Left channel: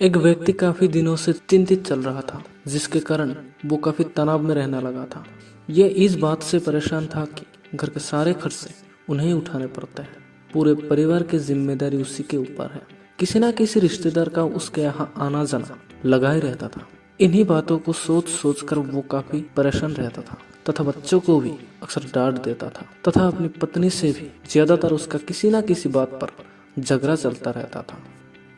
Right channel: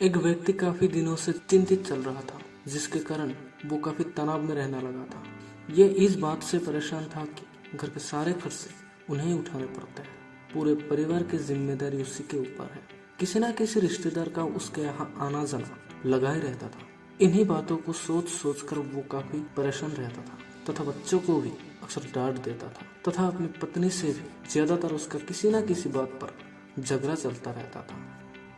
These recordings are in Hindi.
एक व्यक्ति काफी दिनों से चिंतित चल रहा था, जिसके कारण वो काफी तनाव में रहने लगा था। ये इस बात से परेशान था कि घर के सारे खर्चे उन्हें ही उठाने पड़ते हैं। पूरे परिवार की जिम्मेदारी उसी के ऊपर है। किसी न किसी रिश्तेदार का उसके यहाँ आना जाना लगा ही रहता था। इन्हीं बातों को सोच सोच कर वो काफी परेशान रहता था तथा बच्चों को भी अक्सर डांट देता था तथा अपनी पत्नी से भी ज्यादातर उसका किसी न किसी बात पर झगड़ा चलता रहता था।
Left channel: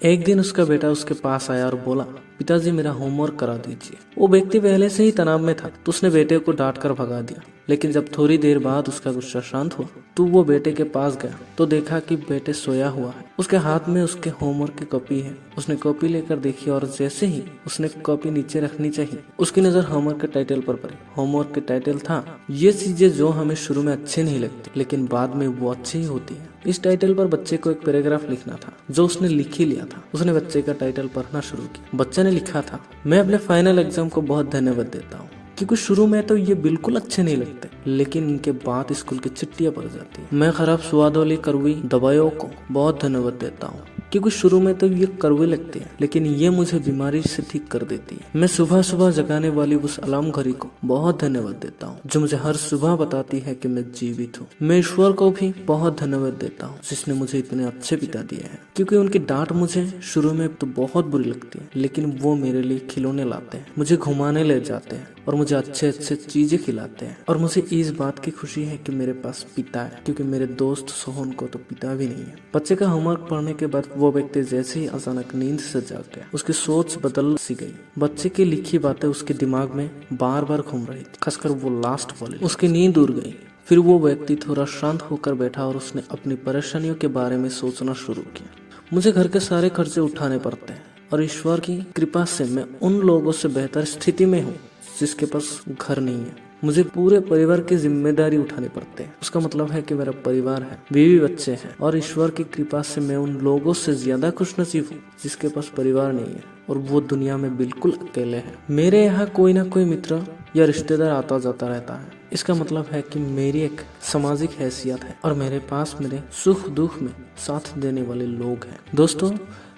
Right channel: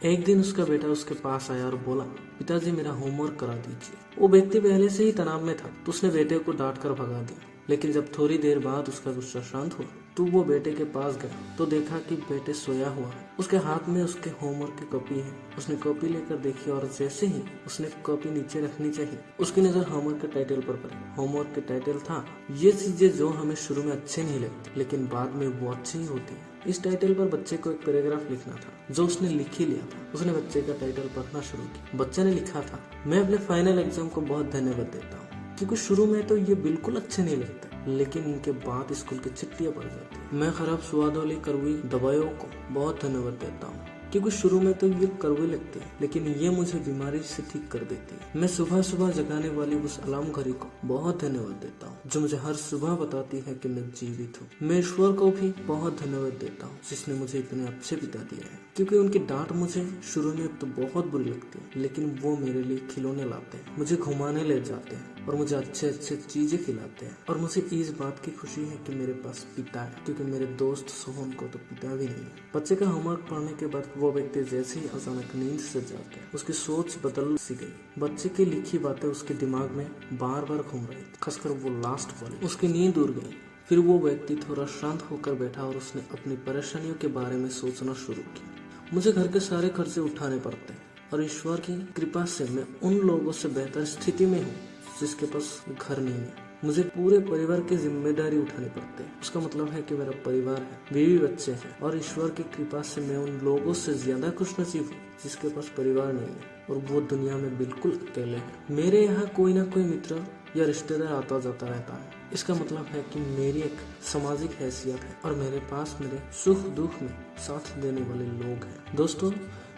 एक दिन उसका बेटा उसके पास आया और बोला, पिताजी मेरा होमवर्क करा दीजिए। वो व्यक्ति पहले से ही तनाव में था तो उसने बेटे को डांट कर भगा दिया। लेकिन जब थोड़ी देर बाद उसका गुस्सा शांत हुआ तो वो बेटे के पास गया तो देखा कि बेटे सोया हुआ है। उसके हाथ में उसके होमवर्क की कॉपी है। उसने कॉपी लेकर देखी और जैसे ही उसने कॉपी नीचे रखनी चाहिए उसकी नजर होमवर्क के टाइटल पर पड़ी। होमवर्क के टाइटल था, ये चीजें जो हमें शुरू में अच्छी नहीं लगती लेकिन बाद में वो अच्छी ही होती है। इस टाइटल पर बच्चे को एक पैराग्राफ लिखना था जो उसने लिख ही लिया था। उसने बच्चे का टाइटल पढ़ना शुरू किया। बच्चे ने लिखा था, मैं अपने फाइनल एग्जाम को बहुत धन्यवाद देता हूँ क्योंकि शुरू में तो ये बिल्कुल अच्छे नहीं लगते लेकिन इनके बाद स्कूल की छुट्टियां पड़ जाती है। मैं खराब स्वाद वाली कड़वी दवाइयों को बहुत धन्यवाद देता हूँ क्योंकि शुरू में तो ये कड़वी लगती है लेकिन ये मुझे बीमारी से ठीक कर देती है। मैं सुबह सुबह जगाने वाली उस अलार्म घड़ी को बहुत धन्यवाद देता हूँ जो मुझे हर सुबह बताती है कि मैं जीवित हूँ। मैं ईश्वर को भी बहुत धन्यवाद देता हूँ जिसने मुझे इतने अच्छे पिता दिए हैं क्योंकि उनकी डांट मुझे शुरू में तो बहुत बुरी लगती है लेकिन वो मेरे लिए खिलौने लाते हैं, मुझे घुमाने ले जाते हैं और मुझे अच्छे अच्छे चीजें खिलाते हैं। और मुझे इस बात की खुशी है कि मेरे पास पिता है क्योंकि मेरे दोस्त सोहन को तो पिता भी नहीं है। बच्चे का होमवर्क पढ़ने के बाद वो व्यक्ति जैसे ही अचानक नींद से जाग गया उसकी सोच बदल सी गई। बच्चे की लिखी बातें उसके दिमाग में बार बार घूम रही थी, खासकर वो लास्ट वाली। उसकी नींद उड़ गई। फिर वो व्यक्ति थोड़ा शांत होकर बैठा और उसने अपनी परेशानियों के बारे में सोचना शुरू किया। मुझे घर के सारे खर्चे उठाने पड़ते हैं और ईश्वर की कृपा से मैं उन लोगों से बेहतर स्थिति में हूँ जिसके पास घर नहीं है। मुझे पूरे परिवार की जिम्मेदारी उठाने पड़ते हैं। उसका मतलब है कि मेरा परिवार है, बीवी बच्चे हैं और ईश्वर की कृपा से मैं उन लोगों से ज्यादा खुशनसीब हूँ जिसके पास परिवार नहीं है और वो दुनिया में बिल्कुल अकेले हैं। मेरे यहाँ कोई ना कोई मित्र या रिश्तेदार आता जाता रहता है। इसका मतलब है कि मेरी एक सामाजिक हैसियत है और मेरे पास मेरे सुख दुख में साथ देने वाले लोग हैं। दोस्तों,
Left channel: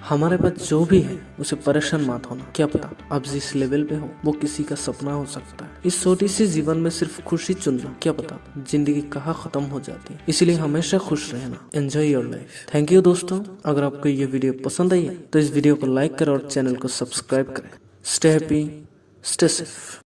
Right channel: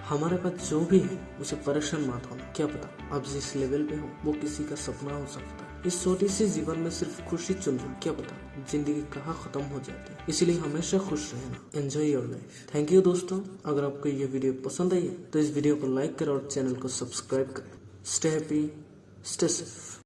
हमारे पास जो भी है उसे परेशान मत होना। क्या पता आप जिस लेवल पे हो वो किसी का सपना हो सकता है। इस छोटी सी जीवन में सिर्फ खुशी चुन लो, क्या पता जिंदगी कहाँ खत्म हो जाती है। इसलिए हमेशा खुश रहना। Enjoy your life. Thank you दोस्तों। अगर आपको ये वीडियो पसंद आई है तो इस वीडियो को लाइक करें और चैनल को सब्सक्राइब करें। Stay happy, stay safe.